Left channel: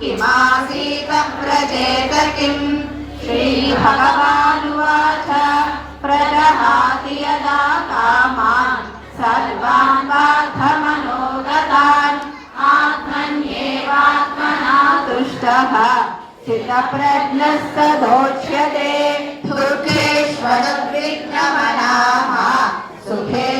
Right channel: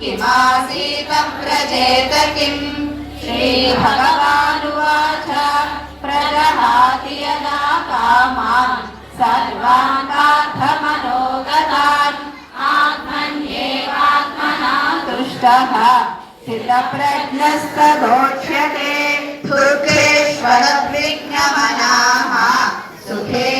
किमासीतं व्रजेत किम् श्रीभगवानुवाच प्रजहाति यदा कामान् सर्वान् आत्मन्येवात्मना तुष्टः सुखे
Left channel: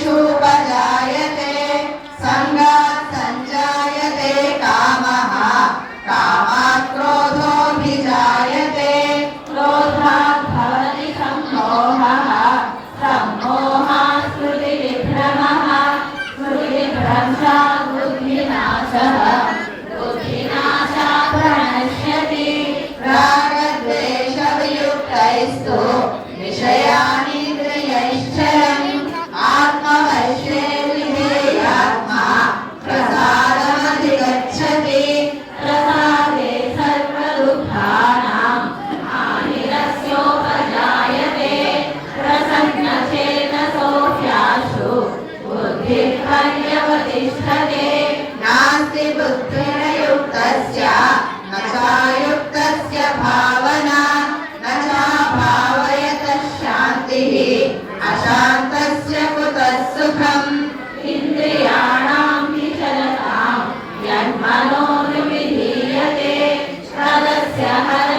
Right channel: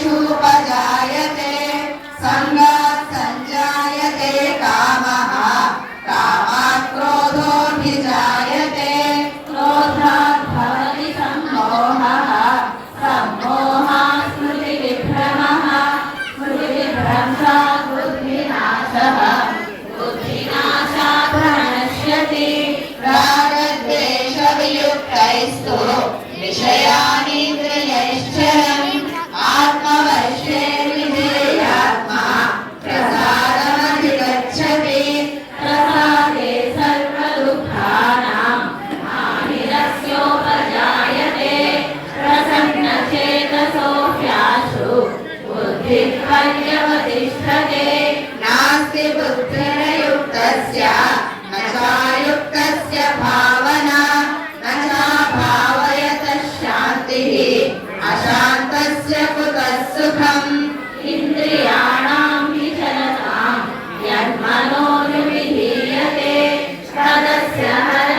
पर्यवतिष्ठते नास्ति बुद्धिर्युक्तस्य न चायुक्तस्य भावना न चा भावयतः शान्तिः अशान्तस्य कुतः सुखम् इन्द्रियाणां विचलतां यन्मनोनुविधीयते तदस्य हर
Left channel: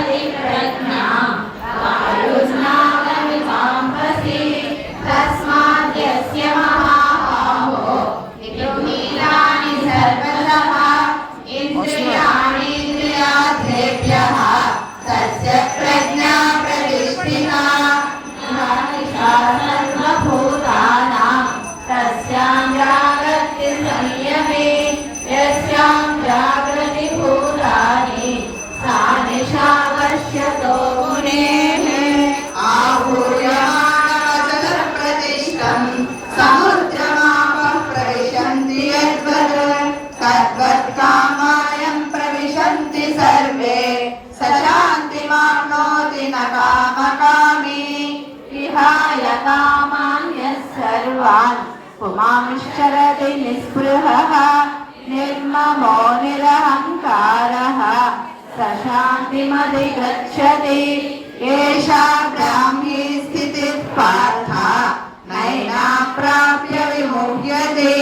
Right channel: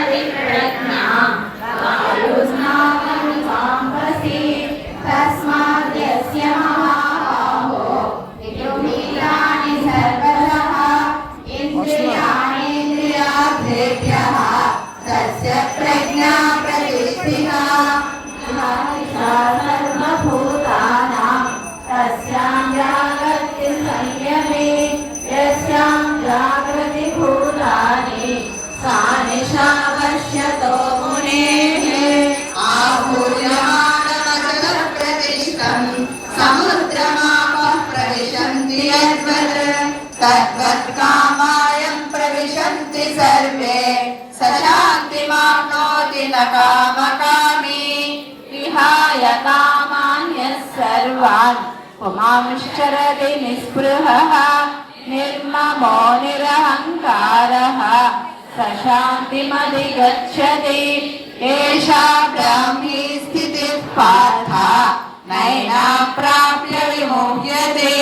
నిస్పృహ నిర్మమో నిరహంకార ప్రశాంతిమది గచ్చతి ఏషాభ్యాం హి స్థితి పార్థ నైనా ప్రాప్య విముహ్యతే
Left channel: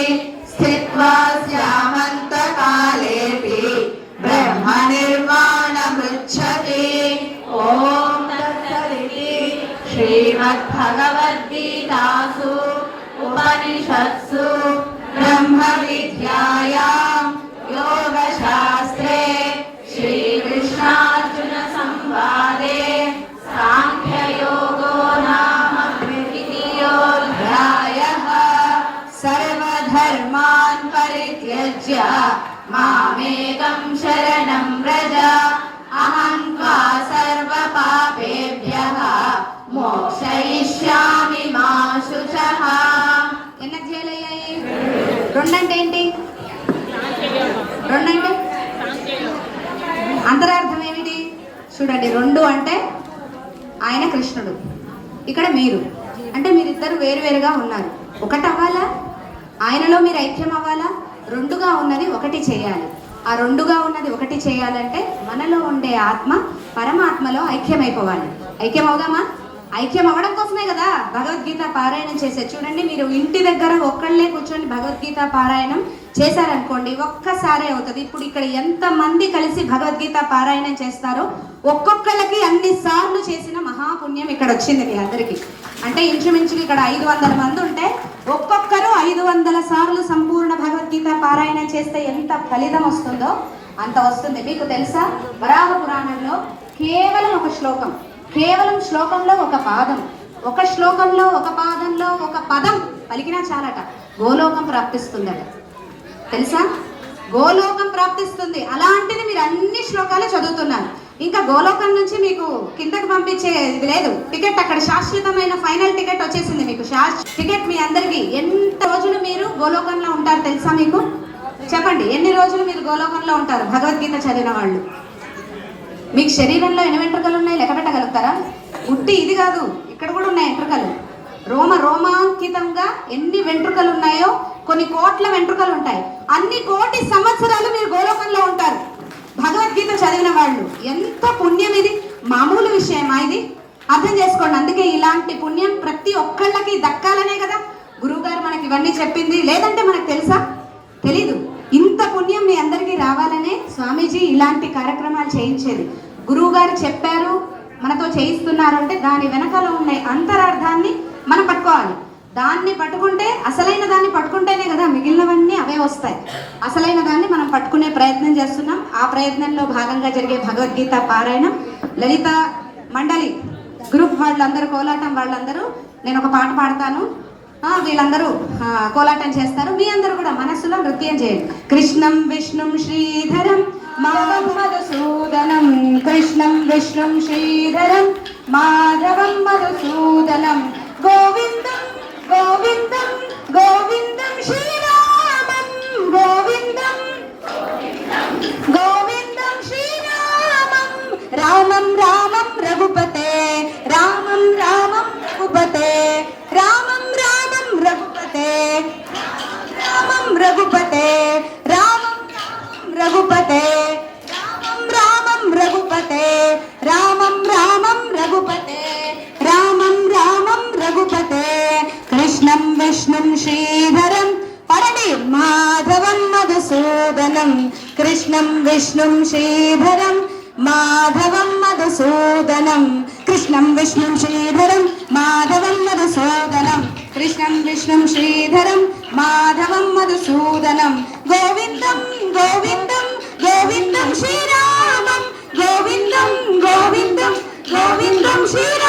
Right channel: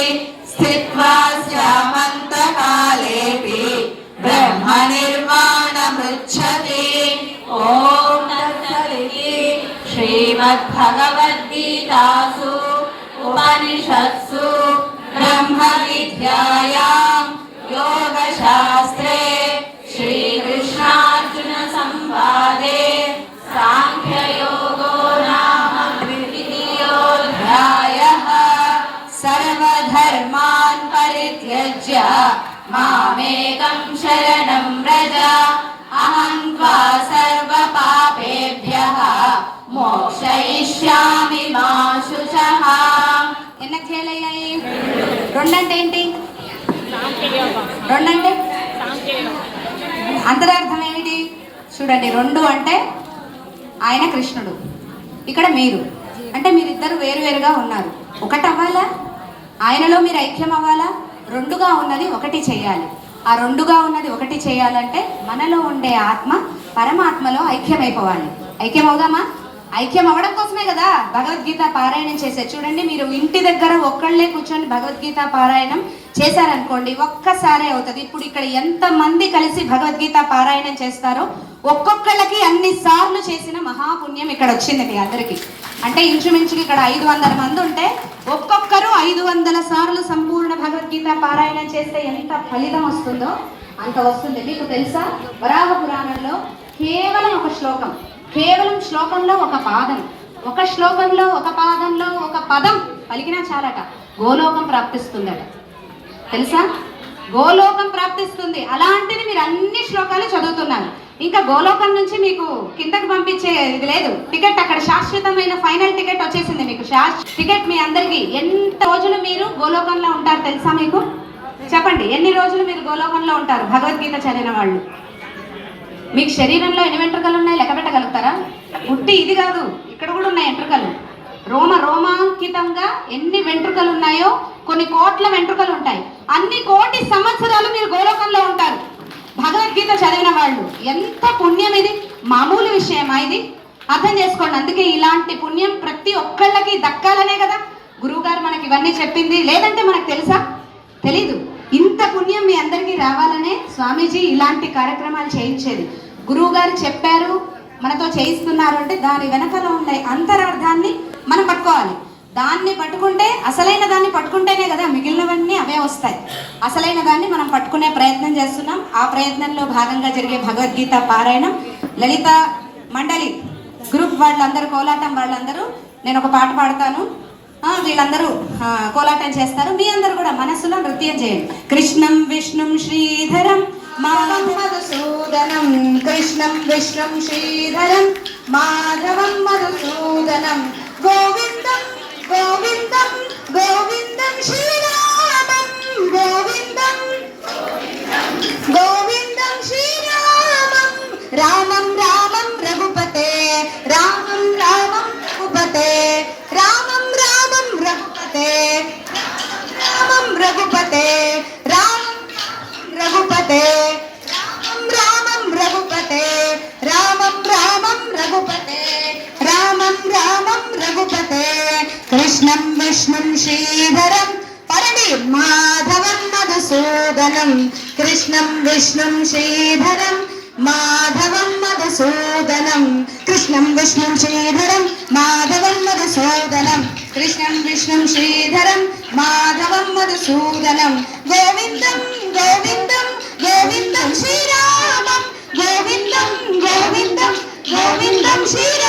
చూడండి రెండు అంటే ఆయన కృష్ణుడు ఇక్కడ మీరు. అంటే మీరిద్దరు వేరువేరుగా ఉన్నారు. ఒకటి అవ్వాలా? ఆయనలో మీరు ఐక్యం అవ్వాలా? రెండుగా ఉన్నది ఒకటి చేయాలి. ఆ రెండుగా ఉన్నది ఒకటి చేయాలంటే మనలో ఉండే ఆత్మ పరమాత్మలో ఐక్యమైపోవాలి. ఐక్యం అవుదామా? ఐక్యం అవ్వడం కోసమే కదా భగవద్గీత పారాయణం చేసే చూడండి మీరు ఇంటి దగ్గర ఒక్కళ్ళే కూర్చొని భగవద్గీత పారాయణం చేశారనుకోండి ఒక్కసారే అవుతుంది. ఇప్పుడు ఇక్కడ ఎంత మంది కలిసి భగవద్గీత పారాయణం చేస్తారో ఒక్కొక్కళ్ళకి అన్ని సార్లు చేసిన మహాపుణ్యం ఇక్కడ వచ్చింది మీ అందరికి. అంటే ఇంచుమించుకి ఇక్కడ ఐదు వందల మంది ఉంటే ఒక్కొక్కరు ఐదు వందల సార్లు సంపూర్ణ భగవద్గీత పారాయణం చేస్తే ఎంత ఫలితం వస్తుందో అంత వస్తుంది. మీకు తెలుసా? వరాహ పురాణంలో కేవలం ఒక శ్లోకం కేవలం శ్లోకంలో ఒక పాదం ఒక శ్లోకంలో ఒక పాదంలో ఒక పదం పలికినా చాలట. గోలోకం ప్రాప్తిస్తుందట. తెలుసా? గోలోకం ప్రాప్తిస్తుంది. అలాంటిది మీరు అన్ని శ్లోకాలు చదువుతున్నారు. ఇంకా గోలోకం నుంచి మీకు కిందకు పంపించే ఇది లేదు. టికెట్ అక్కడ శాశ్వతమైన ఫైనల్ టికెట్ వచ్చేసింది మీకు. టికెట్ మీ అందరికి. ఎంత రోజులు మీరు గోలోకంలో ఉంటారు తెలుసా మీకు? చెప్పండి ఎన్ని రోజులు మీరు గోలోకంలో ఉంటారు? భగవద్గీత చదివిన వాళ్ళు. మీకు శరీరంలో ఎన్ని వెంట్రుకలు ఉన్నాయి? లెక్క పెట్టగలుగుతారా? ఉట్టి ఇది కాదు. ఇక్కడ కూడా ఉన్నాయి వెంట్రుకలు. రోమ రోమాంకితంగా ఎన్ని వెంట్రుకలు ఉన్నాయి? కొన్ని కోట్ల వెంట్రుకలు ఉంటాయి. అన్ని కోటి సంవత్సరాలు మీరు గోలోకంలో ఉంటారు. భగవద్గీత చదివిన వాళ్ళు ఎంత పుణ్యం ఇది? మామూలు విషయమా ఇది? అర్థం చేసుకోండి. అందుకే ఇలాంటి పుణ్యం ప్రతి ఒక్కళ్ళకి దక్కాలనే కదా. గురువుగారు మనకి ఇవన్నీ చెప్పింది. లేదంటే మనకు తెలుసా? తెలీదు. ఇంత పుణ్యం మీ అందరికీ రావాలనే స్వామీజీ ఇలాంటి కార్యక్రమాలు చేయించేది. గురువుగారు చెప్పారు మనతో చేయిస్తున్నారు అంటే దాని వెనకాల ఉండే అంతరార్థాన్ని మనం పట్టుకోవాలి. దాన్ని పట్టుకుంటే అసలైన దాన్ని పట్టుకుంటేనే కదా మిగిలినవన్నీ అవే వస్తాయి. అసలైన దాన్ని మనం పట్టుకునే ప్రయత్నం చేస్తున్నాం. ఆ ప్రయత్నంలో భాగంగా జరిగే భగవద్గీత పారాయణం. లలిత మండలి గ్రూప్ వాళ్ళందరూ కోలాటం వాళ్ళందరూ నేను ఒక పాట పాడతాను. వీళ్ళందరూ కోలాటం చేస్తారు. మీ అందరూ కూడా మనస్సులో నృత్యం చేయండి. కృష్ణం విష్ణుం శ్రీధరం మధుసూదనం కృష్ణం విష్ణుం శ్రీధరం మాధవం మధుసూదనం. Govinda. വിഷ്ണും ശ്രീധരം മാധവം മധുസൂദനം. കൃഷ്ണം വിഷ്ണും ശ്രീധരം മാധവം മധുസൂദനം. കൃഷ്ണം വിഷ്ണും ശ്രീധരം മാധവം മധുസൂദനം. ഗോവിന്ദം ഗോവിന്ദം ഗോവിന്ദം ശ്രീരാമം. ഗോവിന്ദം ഗോവിന്ദം ഗോവിന്ദം ശ്രീ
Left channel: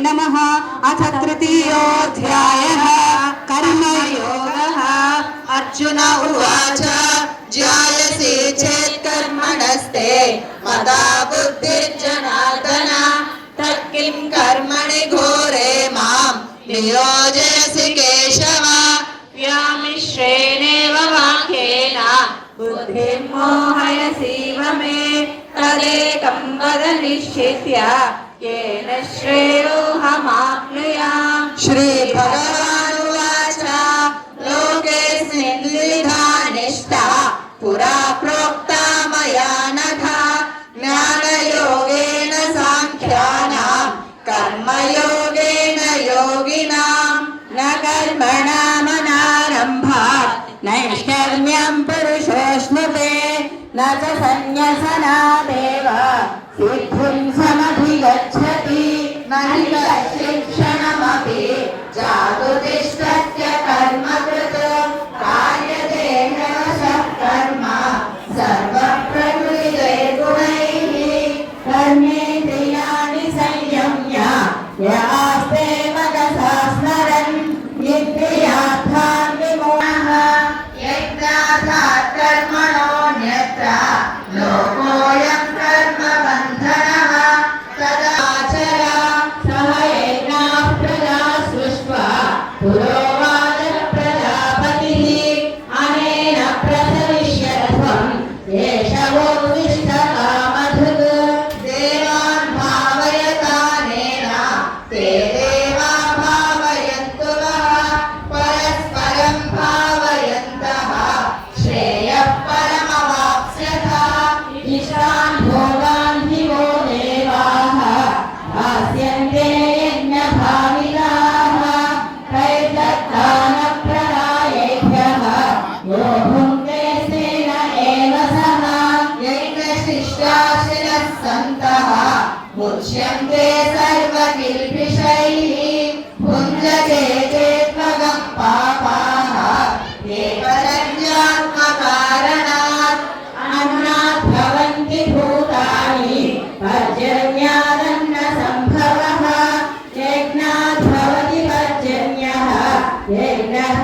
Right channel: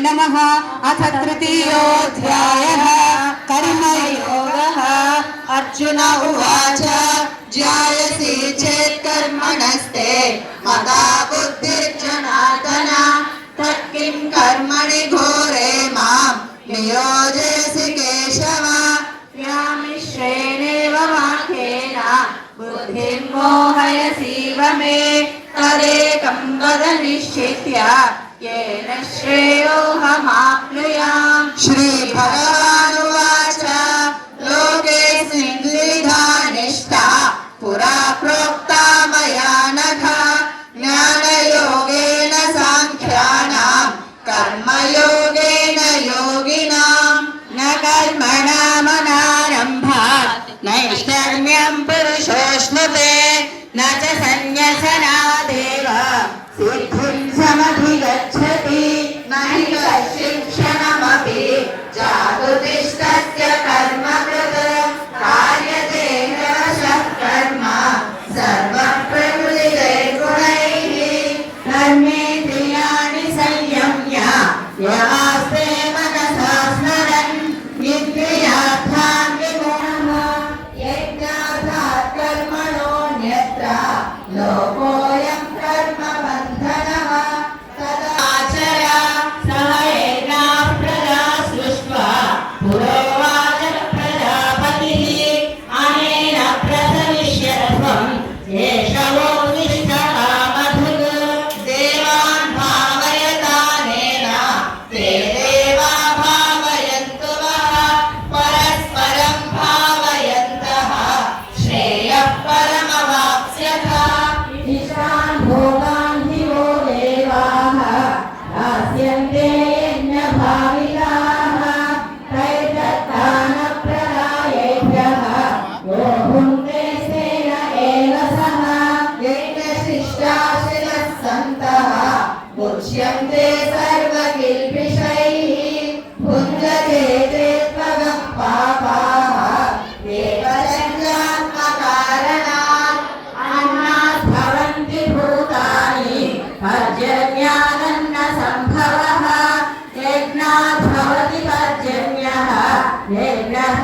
नमः। अथ तृतीय कर्म योग अर्जुन उवाच, ज्यायसि चेत् कर्मणस्ते मदा बुद्धिर्जनार्दन। तत्किं कर्मणि घोरे माँ, नियोजयसि केशव। व्यामिश्रेणेव वाक्येन, बुद्धिर्मोहयसीव मे। तदेकं वद निश्चित्य। श्रेयो हम आप श्री श्रीभग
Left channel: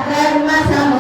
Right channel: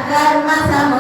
dar amor.